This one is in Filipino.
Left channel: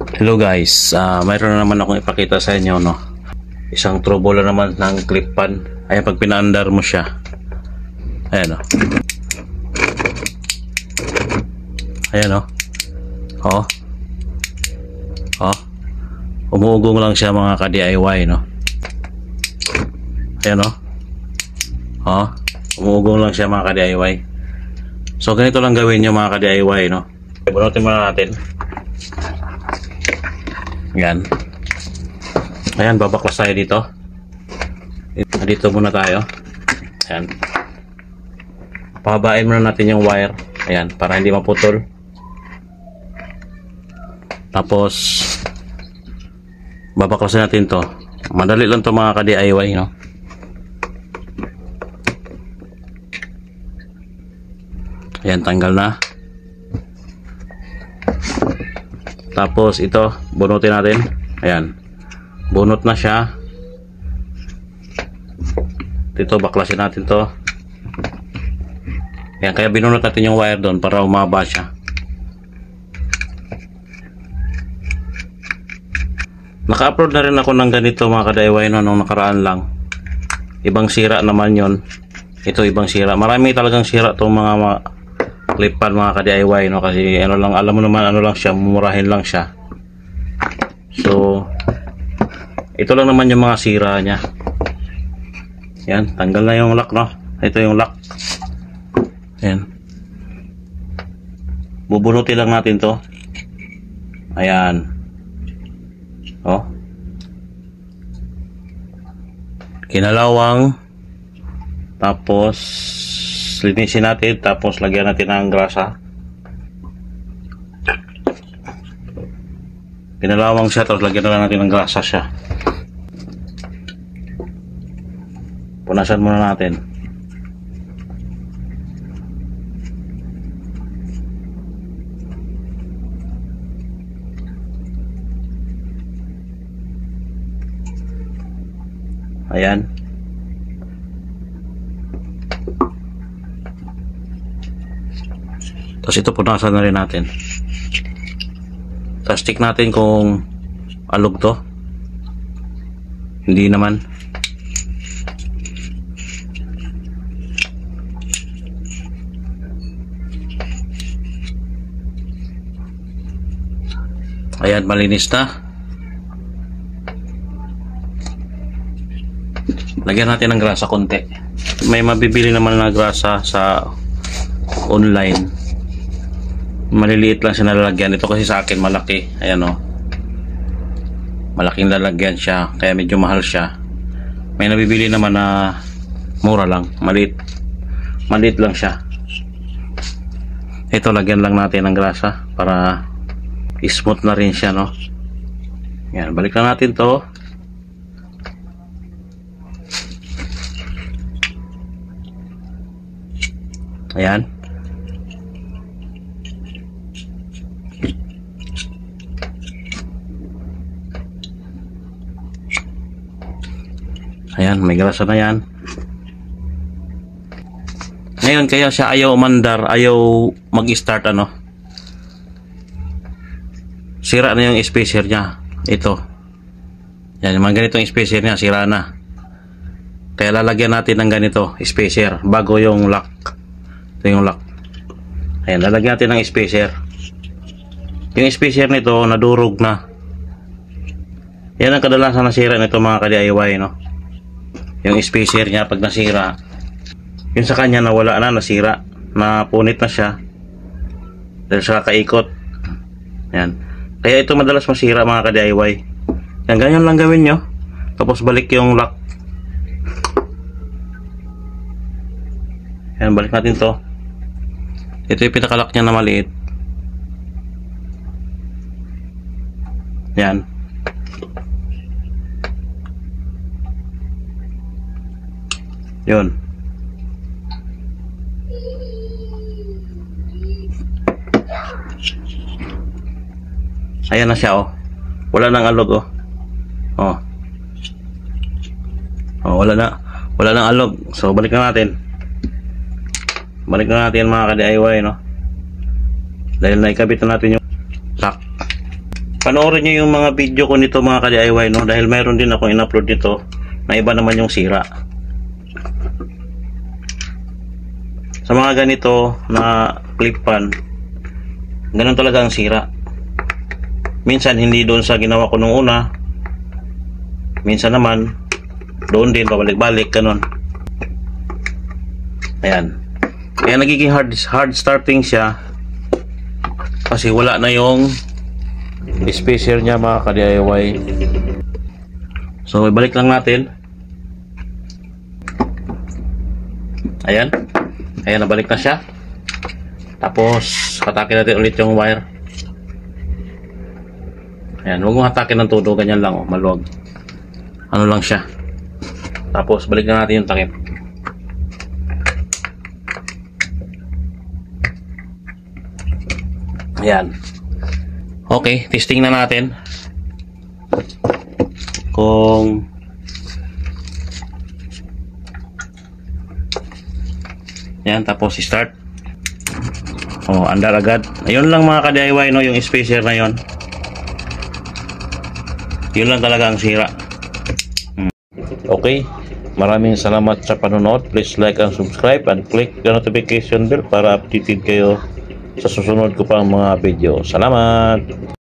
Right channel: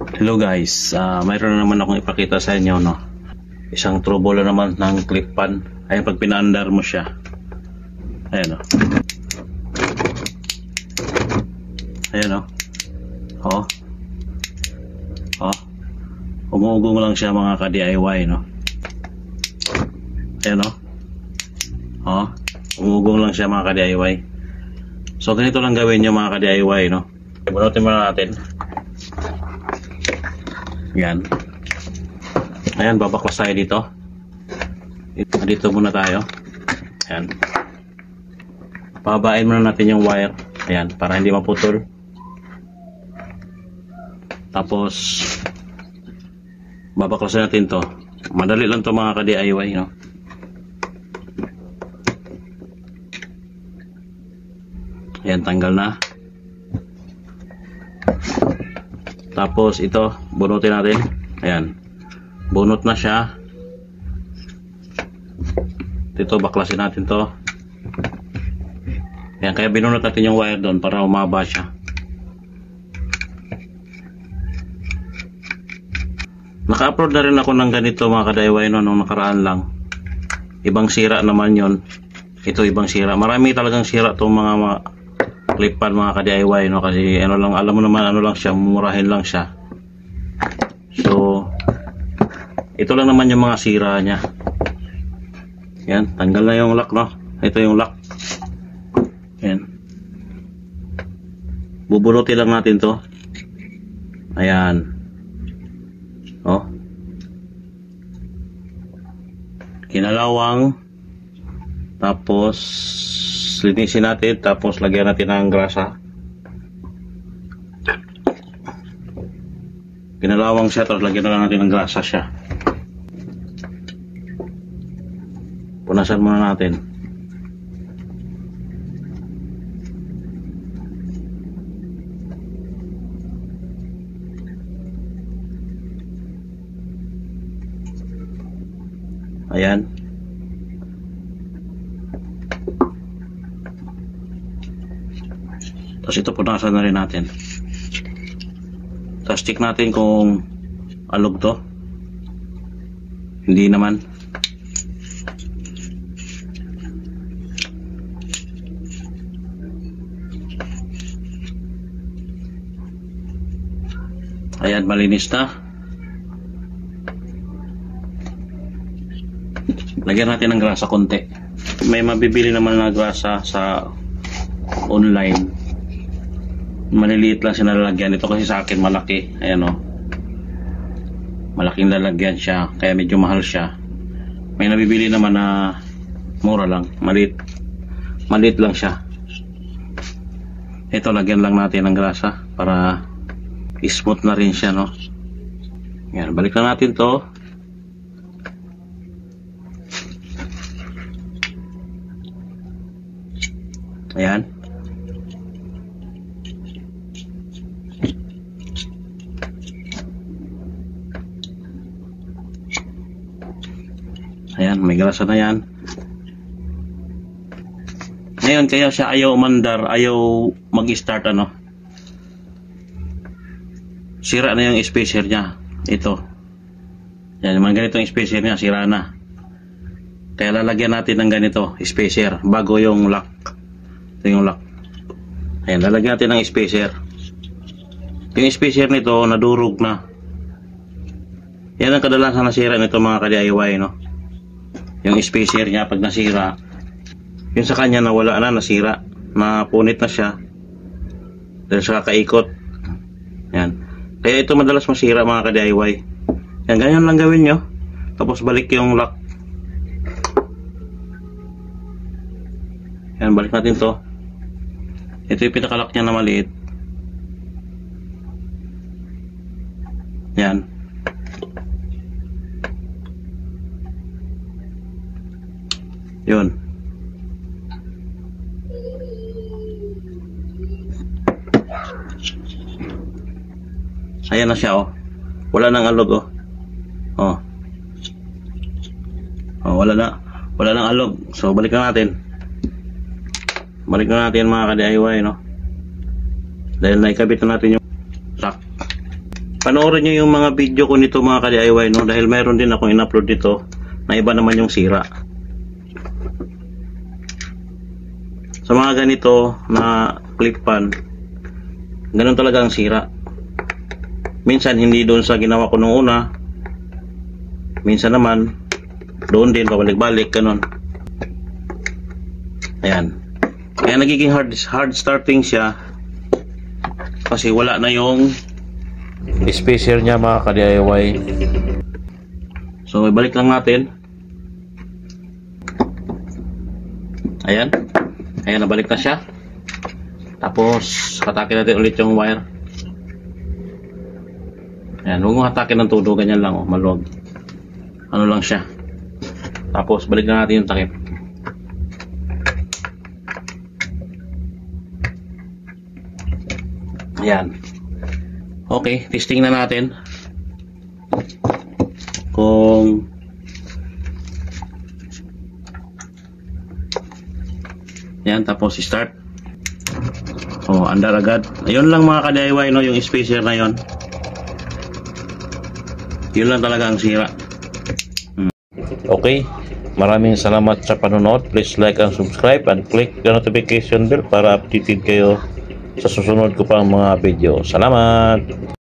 Hello guys, mayroon na naman akong ipakita sa inyo, no? Isang trouble na naman ng clip pan. Ayan, pag pinaandar mo siya, ayan, no? Ayan, no? Oh. Oh. Umuugong lang siya mga ka-DIY, no? Ayan, no? Oh. Umuugong lang siya mga ka-DIY. So ganito lang gawin nyo mga ka-DIY, no? Bunutin muna natin. Yan. Ayan, babaklas tayo dito. Dito muna tayo. Ayan. Pahabain muna natin yung wire. Ayan, para hindi maputol. Tapos babaklasin natin to. Madali lang to mga ka-DIY, no? Ayan, tanggal na. Tapos ito, bunutin natin. Ayan. Bunot na siya. Dito, baklasin natin to. Ayan, kaya binunot natin yung wire doon para umaba siya. Naka-upload na rin ako ng ganito mga ka-DIY, no, nung nakaraan lang. Ibang sira naman yon. Ito ibang sira. Marami talagang sira itong mga clip pan mga ka-DIY, no, kasi ano lang, alam mo naman ano lang siya, mumurahin lang siya. So ito lang naman yung mga sira niya. Yan, tanggal na yung lock, no. Ito yung lock. Yan. Bubunutin lang natin to. Ayan. Oh. Kinalawang. Tapos linisin natin, tapos lagyan natin ng grasa. Pinalawang siya, tapos lagyan na lang natin ng grasa siya. Punasan muna natin. Ayan. Tapos ito punasan na rin natin. Tapos stick natin kung alog to. Hindi naman. Ayan, malinis na. Lagyan natin ng grasa konti. May mabibili naman na grasa sa online. Maliliit lang siya nalalagyan. Ito kasi sa akin malaki. Ayan, o. Malaking lalagyan siya. Kaya medyo mahal siya. May nabibili naman na mura lang. Maliit. Maliit lang siya. Ito, lagyan lang natin ng grasa para smooth na rin siya, no? Ayan, balikan natin to. Ayan. Ayan, may grasa na yan. Ngayon, kaya siya ayaw umandar, ayaw mag-start, ano. Sira na yung spacer niya. Ito. Yan, mga ganitong spacer niya, sira na. Kaya lalagyan natin ng ganito, spacer, bago yung lock. Ito yung lock. Ayan, lalagyan natin ng spacer. Yung spacer nito, nadurog na. Yan ang kadalasan nasira nito mga ka-DIY, no? Yung spacer niya pag nasira, yung sa kanya nawala na, nasira, napunit na siya dahil sa kaikot. Yan. Kaya ito madalas masira mga ka-DIY. Yan, ganyan lang gawin nyo. Tapos balik yung lock. Yan, balik natin to. Ito yung pinakalock niya na maliit. Yan. Yun. Ayan na siya, oh. Wala nang alog, oh. Oh. Oh, wala na. Wala nang alog. So balik na natin. Balik na natin mga ka-DIY, no. Dahil naikabit na natin yung lock. Panoorin nyo yung mga video ko nito mga ka-DIY, no? Dahil mayroon din akong in-upload dito na iba naman yung sira. Sa mga ganito na clip pan, ganun talaga ang sira. Minsan hindi doon sa ginawa ko nung una, minsan naman doon din, pabalik-balik, ganun. Ayan. Kaya nagiging hard starting siya kasi wala na yung spacer niya mga ka-DIY. So ibalik lang natin. Ayan. Ayan, nabalik na siya. Tapos hatakin natin ulit yung wire. Ayan, huwag mong hatakin ng todo, ganyan lang, oh, maluwag. Ano lang siya. Tapos balik na natin yung takip. Ayan. Okay, testing na natin kung yan, tapos start. Oh, andar agad. Ayun lang mga ka-DIY, no, yung spacer na yon. Yun lang talaga ang sira. Okay, maraming salamat sa panonood. Please like and subscribe and click the notification bell para updated kayo sa susunod ko pang mga video. Salamat!